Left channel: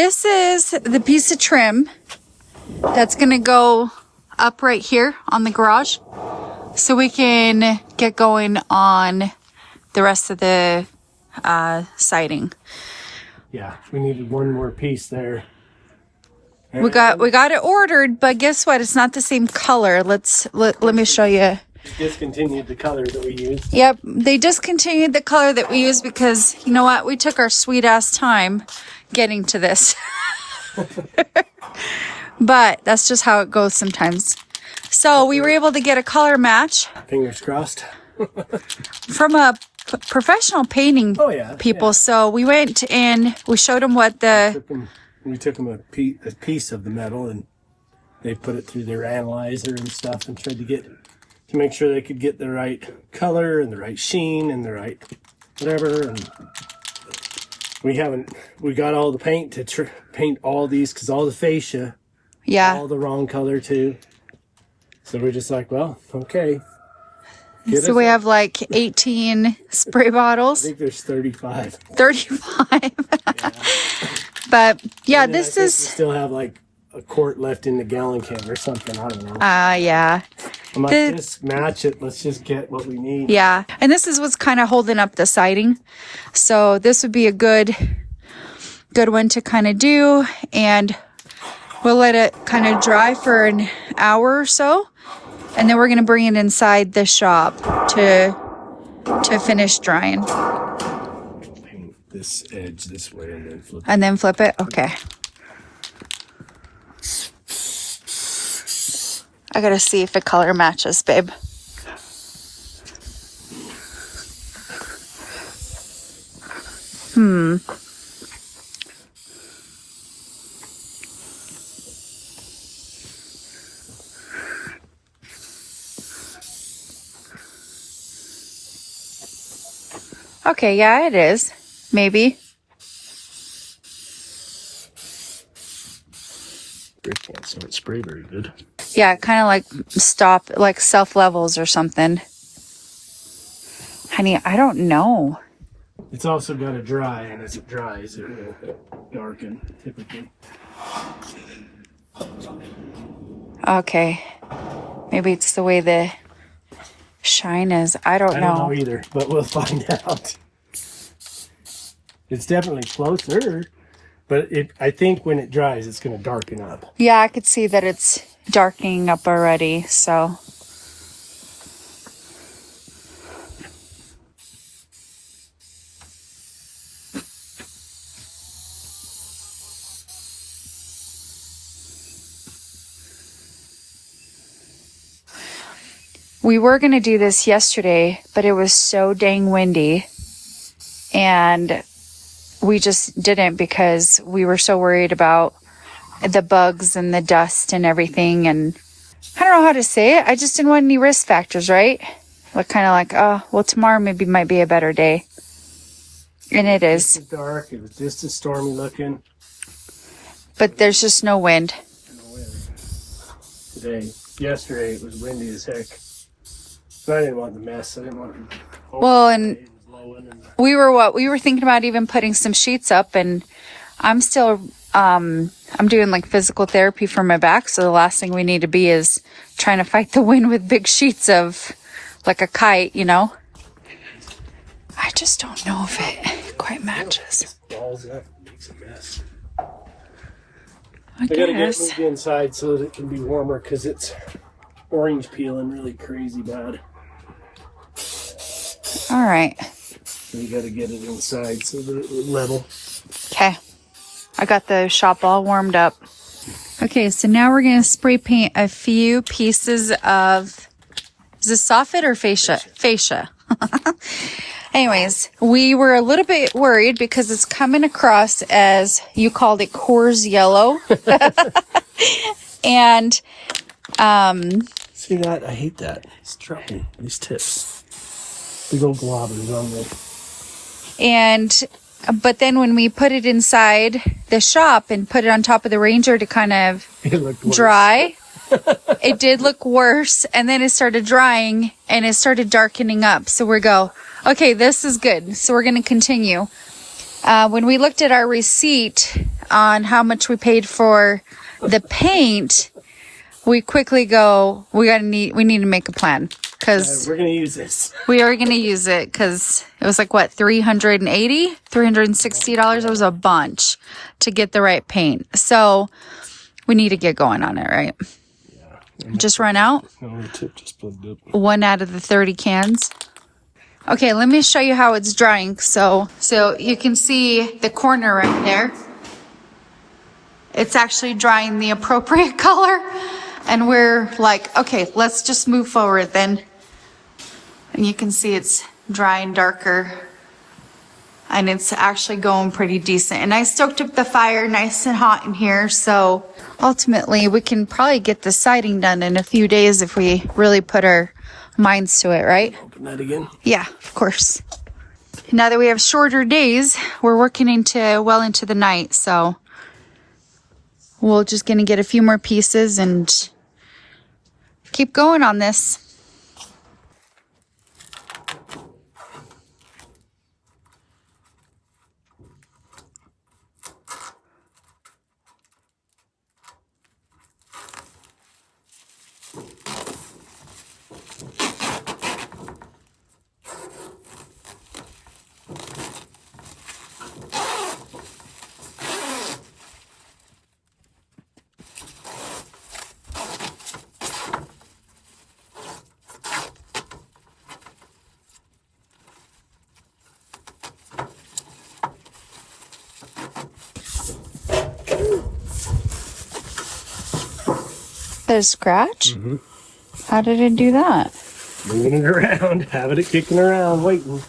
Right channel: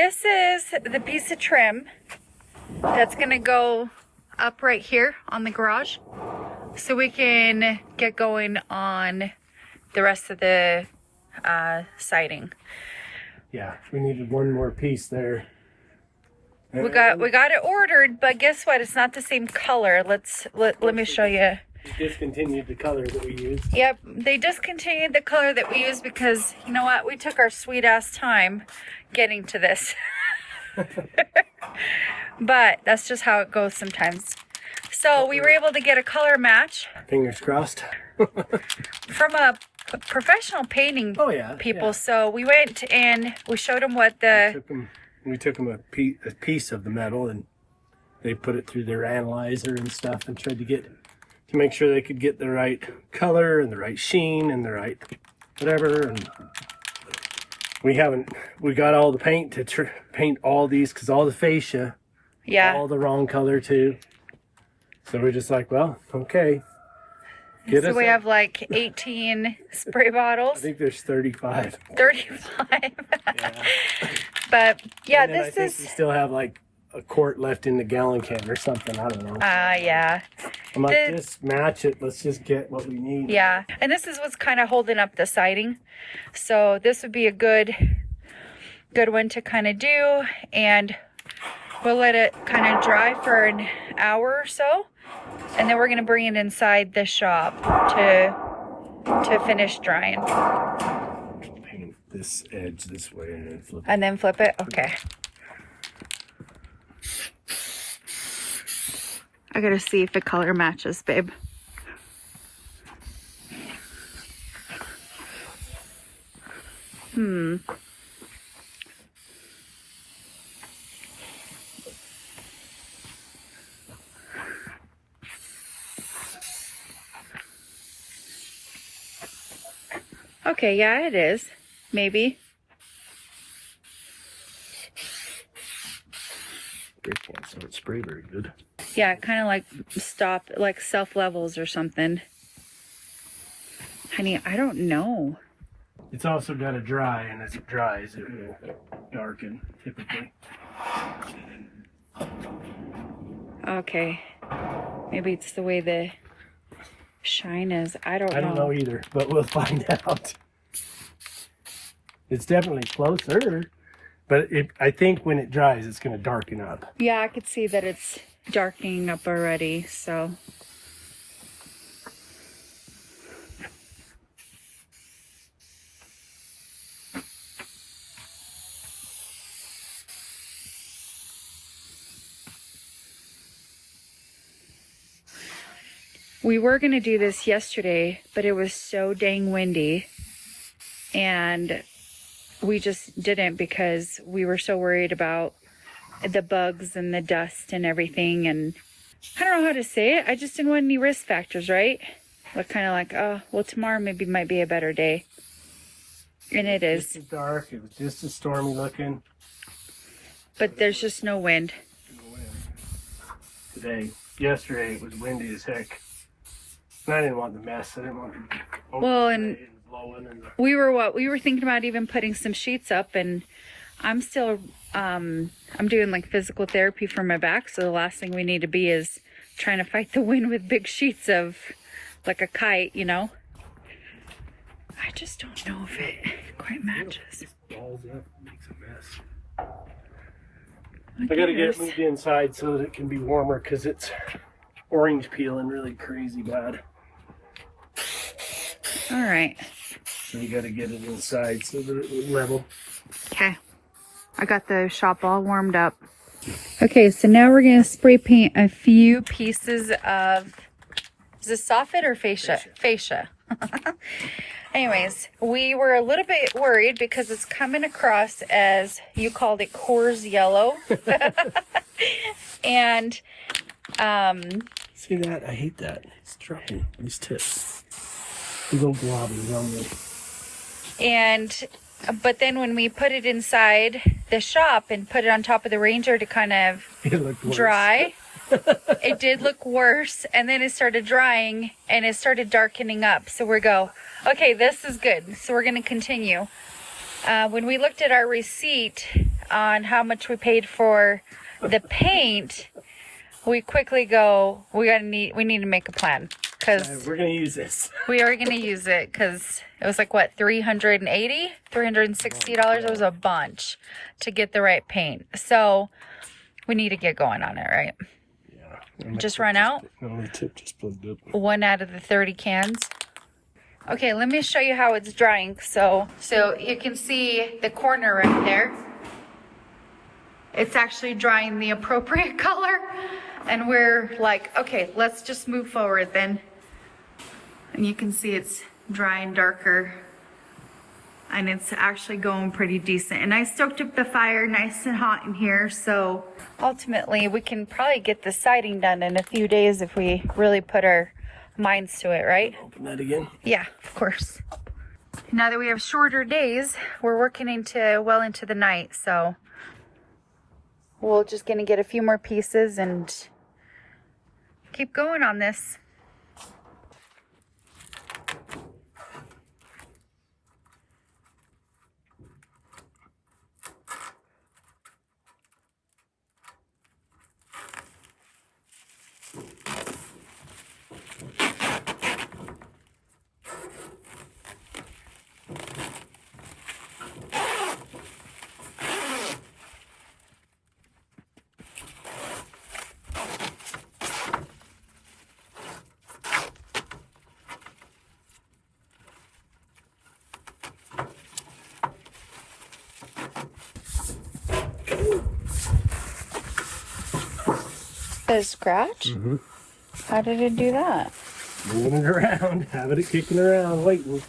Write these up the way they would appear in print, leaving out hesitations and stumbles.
this is the piece of trim that's gonna go up right here on the garage, so we can get going on the rest of the siding. Yeah, we needed one more piece there. And We got it ordered, but guess what? It's not the same color. Let me show you. discontinued the color that we used. Yep, they discontinued the color that we used because, you know what? We took our sweet ass time getting to this. But that's just how it goes sometimes. So we were able to get a color match. Fingers crossed. From a professional painting people. Yeah. So we went in, we showed them what We took them a piece of the metal, and they put it through their analyzer and stuff, and tried to make sure they could get the right color and the right sheen and the right whatever. And we got all the paint to paint all these, because all the fascia, all the wrong color too. So we're just like, well, okay. So we have like 18 spray bottles. I think there's 35. 35. Yeah. But yeah, And then this we is still have like a quart left in the gallon can or something. I don't know. yeah. I'm like, just match it. Let's just get what we need. Yeah. And this is what's kind of holding up the siding. So this would be a good one to kind of do, and we'll let it kind of dry for an hour or so. And then we're going to bring it inside the shop to finish drying. Paint this edge this way and then flip it. And then flip it? Okay. I got to see if the color matches, babe. Okay, yeah, it is. Maybe. Can't so it spray very good. Yeah, kind of like self levels or something. Honey, I don't know. It's also got to dry, and as it dries, it will darken typically. Okay. Maybe it's the way the shine is. I don't I don't know either, but we'll find out. It's definitely closer, but I think when it dries, it's going to darken up. Yeah, I could see that it's darkening up already, so. We were going to do this yesterday, but it was so dang windy, and we just didn't because we were so worried about the bugs and the dust and everything. And I don't know how to say it. I just didn't want any risk factors, right? Like kind of like, oh, well, tomorrow maybe might be a better day. And it is. Just dark. It was just as stormy looking. But there's just no wind. No wind. Yesterday it was windy as heck. But I didn't want the mess. I didn't want it. Well, and we were thinking about even putting some sheets up, and I'm still I'm doing like physical therapy for my back, so the last thing we need to be is trying to fight the wind with big sheets of like a kite, you know. I just don't know if it quite matches. Balls up, makes a mess. I gotta get it moved inside so that it can be warmer, because it's orange peeling really crazy bad. All right. So you gotta get it inside so that it will level. Okay. I got the shop all warmed up. Okay, so now we're gonna spray paint a few pieces of, is this soffit or fascia? Fascia. Anyways, we were a little bit worried because it's coming across as, you called it Coors yellow. And see that? I hate that. It's dropping these tips. Big old globs on them. But then when we put it inside the shop and put it on top of the Ranger to kind of dry, it did look worse. And then it started drying and it started darkening up. So we go, okay, this is good. So we're going to continue. When we looked at our receipt, on how much we paid for the paint, we quickly go, we need to make a plan, because we're gonna use this. we are going to use it, because it was like, what, $360? It was a bunch to get the right paint. So we need to get going on it, right? Yeah. Just run out. No, the tip just plugged up. 1 out of the 30 cans. Okay, let me show you how it's drying. So you can see the corner right there. It's actually drying the appropriate color. And we're like, okay, let's just move forward then. And you can see it's drying darker. And it's actually going pretty decent. And I stoked up the fire nice and hot in here. So ultimately, we can probably get the siding done in a few days if we really put our minds to it, right? Open that again. Yeah, of course. Now that we have shorter days, we're working well into the night, so we're just gonna get a few more pieces and keep going on this. A scratch? Mm-hmm. How did it do that? Moving it around, having it kicking around, waiting.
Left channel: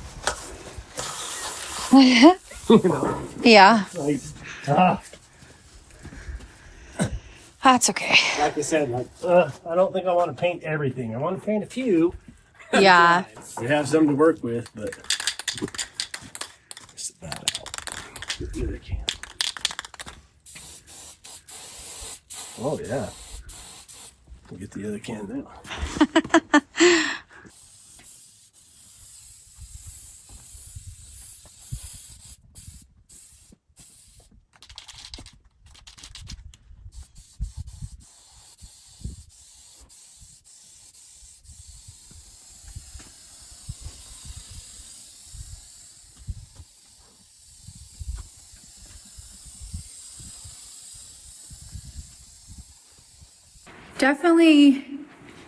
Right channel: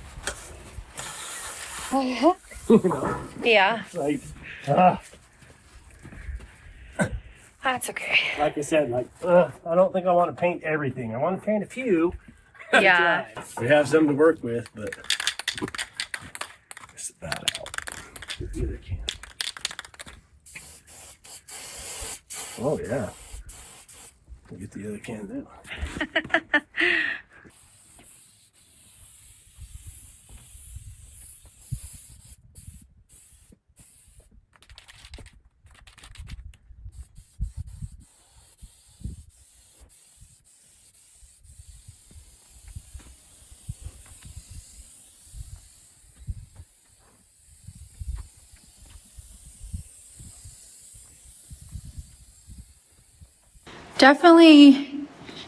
You know, Yeah, like, that's okay. like I said, like, I don't think I want to paint everything. I want to paint a few. Yeah. We have some to work with, but get that out. Get the other can. Oh yeah. We'll get the other can now.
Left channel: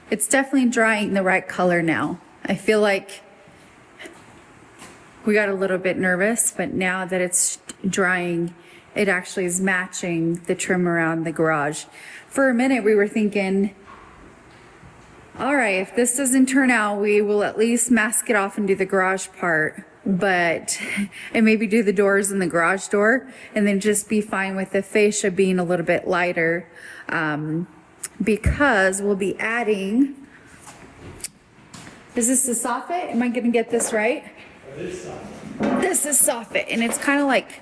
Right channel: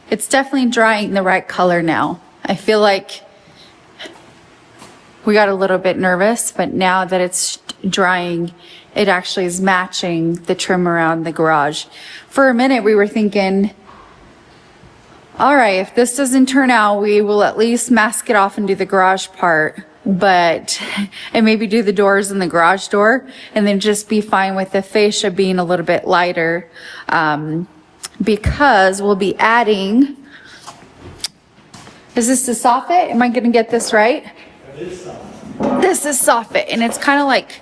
It's definitely drying the right color now. I feel like we got a little bit nervous, but now that it's drying, it actually is matching the trim around the garage. For a minute, we were thinking, all right, if this doesn't turn out, we will at least mask it off and do the garage part, and maybe do the doors and the garage door, and then just be fine with the fascia being a little bit lighter, because we'll be adding, is this the soffit? Am I gonna get this right? This is soffit, and it's kind of like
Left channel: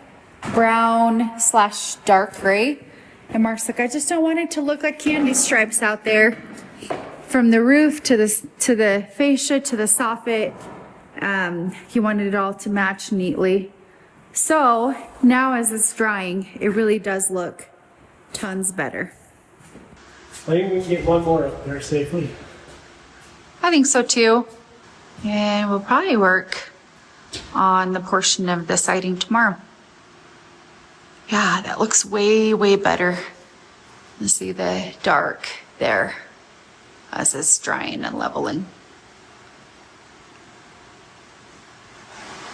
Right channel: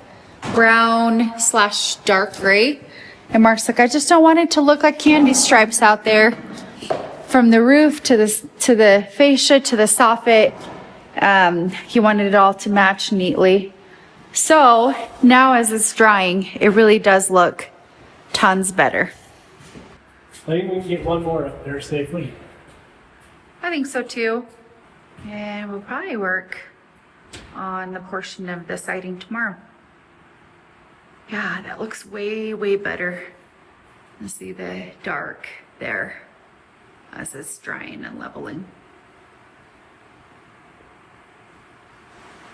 brown / dark gray. And Mark's like, I just don't want it to look like candy stripes out there. From the roof to the fascia to the soffit, he wanted it all to match neatly. So now as it's drying, it really does look tons better. I think we can get one more up there safely. I think so too. And we'll probably work on the portion of the siding tomorrow. Yeah, that looks way, way better. You see the dark there as it's drying and leveling.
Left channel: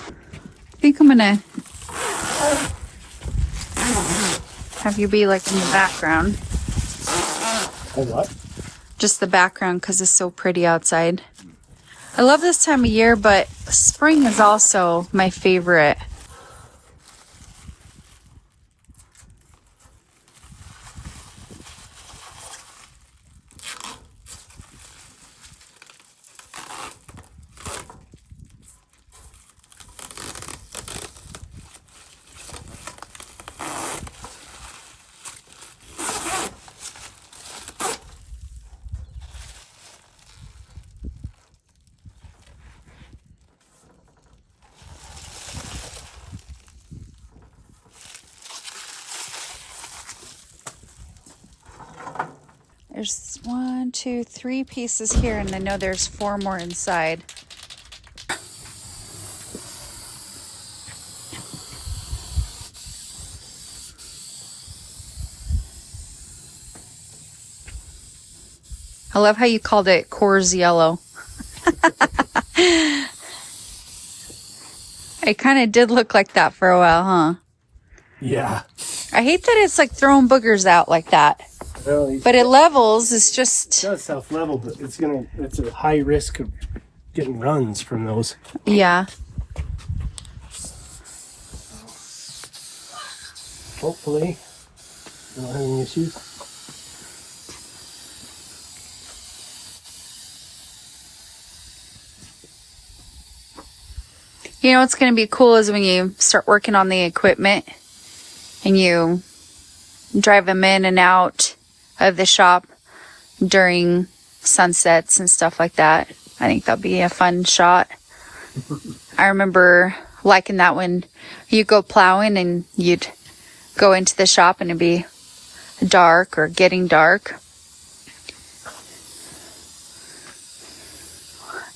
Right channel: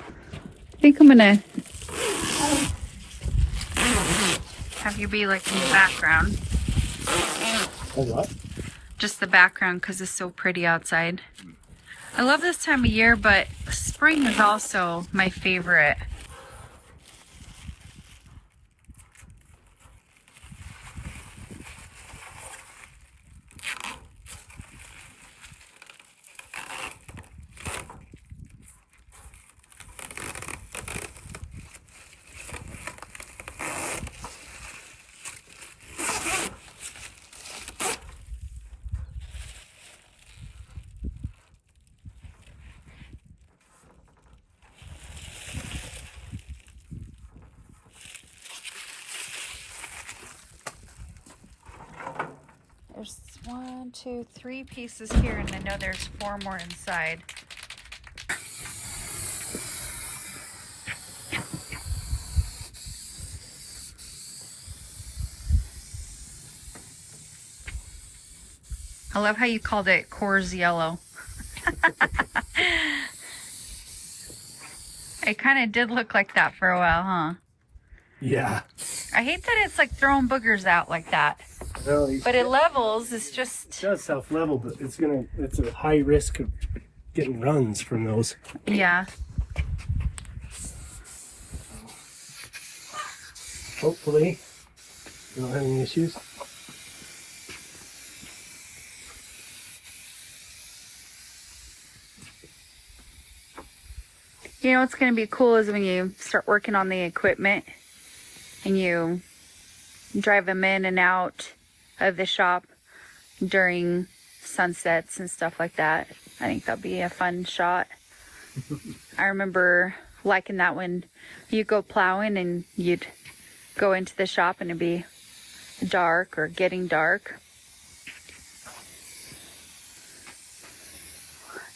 I think I'm gonna have you be like in the background. Oh, what? Just the background because it's so pretty outside. I love this time of year, but spring is also my favorite. There's 1, 2, 3 pieces here, and I know there's 4 more inside. I love how you called it Coors Yellow. It kind of did look like that for a while, huh? Yeah. I hate that it's like throwing boogers out like that. Really, But it levels, it's it just... does self-level, but it's a high risk of getting runs from those. Yeah. Hopefully, you don't have any issues. You know what's going to be cool is when you start working on the equipment and you drive them in and out of the shop during sunsets and stuff like that. I think that'll be a fun shot. I remember liking that when you go plowing and you'd go into the shop and it'd be dark or getting dark.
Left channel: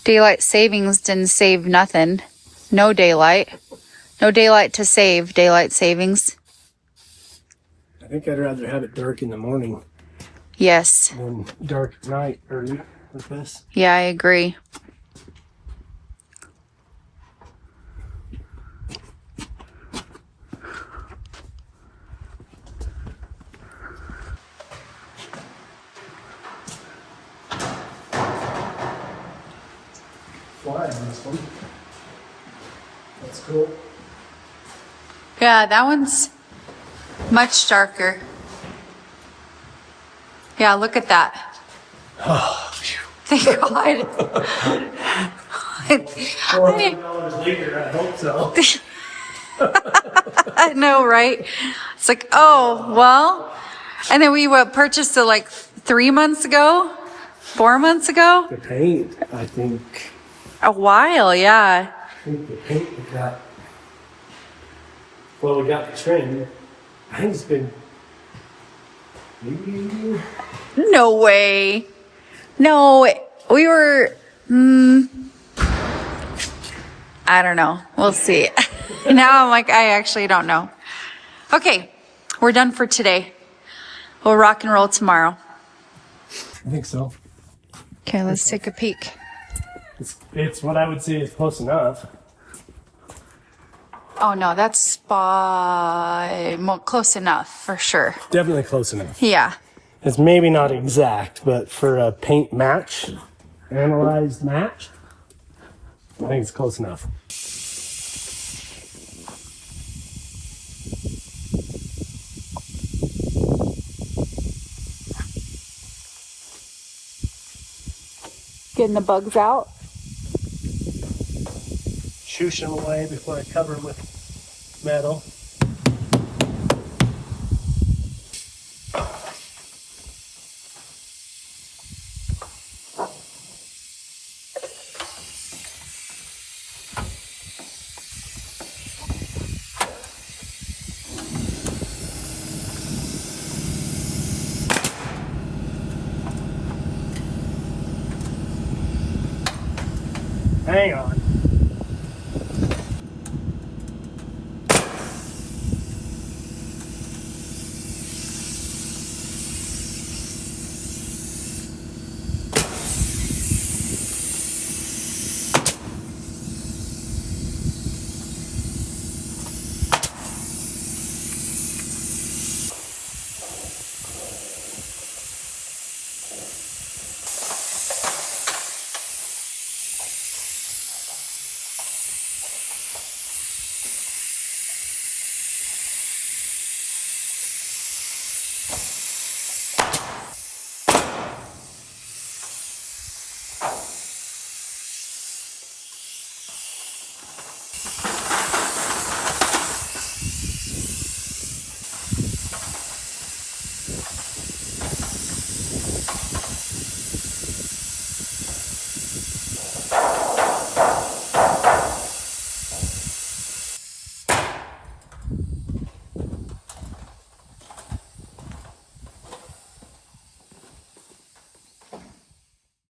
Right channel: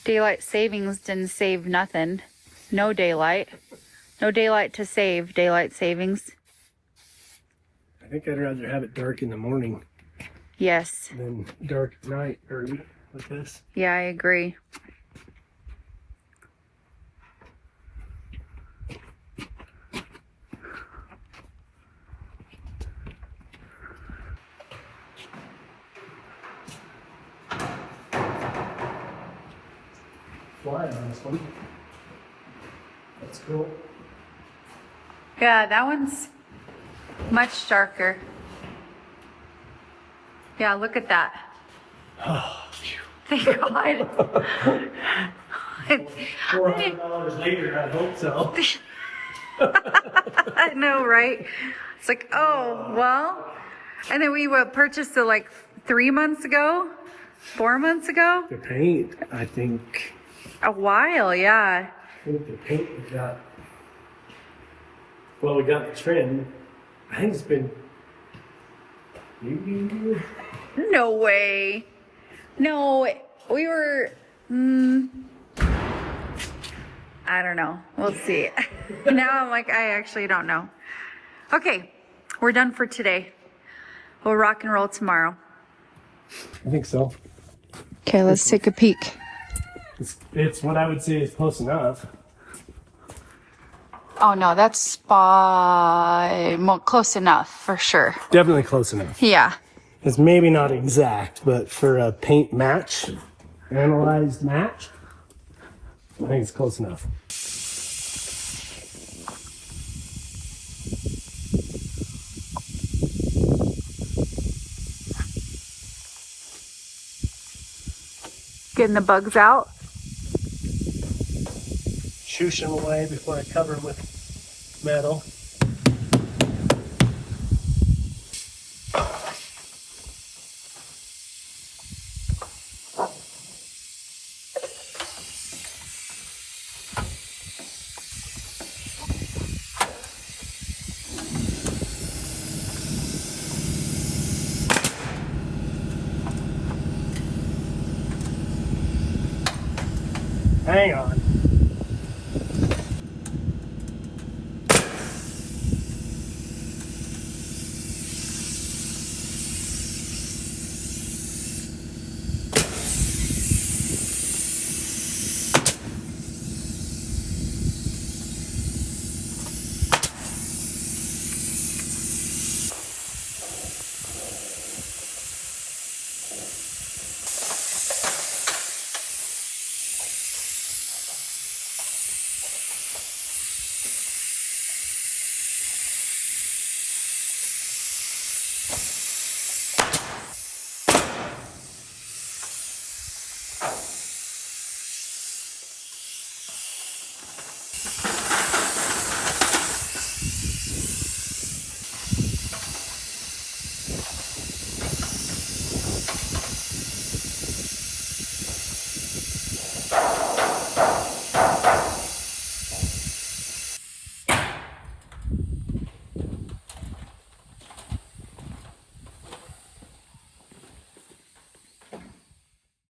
Daylight savings didn't save nothing. No daylight. No daylight to save. Daylight savings. I think I'd rather have it dark in the morning Yes. than dark at night early with this. Yeah, I agree. Fly on this one. That's cool. Yeah, that one's much darker. Yeah, look at that. Oh, phew. Thank God. $400 later, I hope so. I know, right? It's like, oh, well. And then we purchased it like 3 months ago, 4 months ago. The paint, I think. A while, yeah. I think the paint we got. Well, we got the trim. I think it's been maybe. No way. No, we were, I don't know. We'll see. Now I'm like, I actually don't know. Okay, we're done for today. We'll rock and roll tomorrow. I think so. Okay, let's take a peek. It's what I would say is close enough. Oh no, that's close enough for sure. Definitely close enough. Yeah. It's maybe not exact, but for a paint match, analyzed match, I think it's close enough. Getting the bugs out. Shoosh them away before I cover them with metal. Hang on.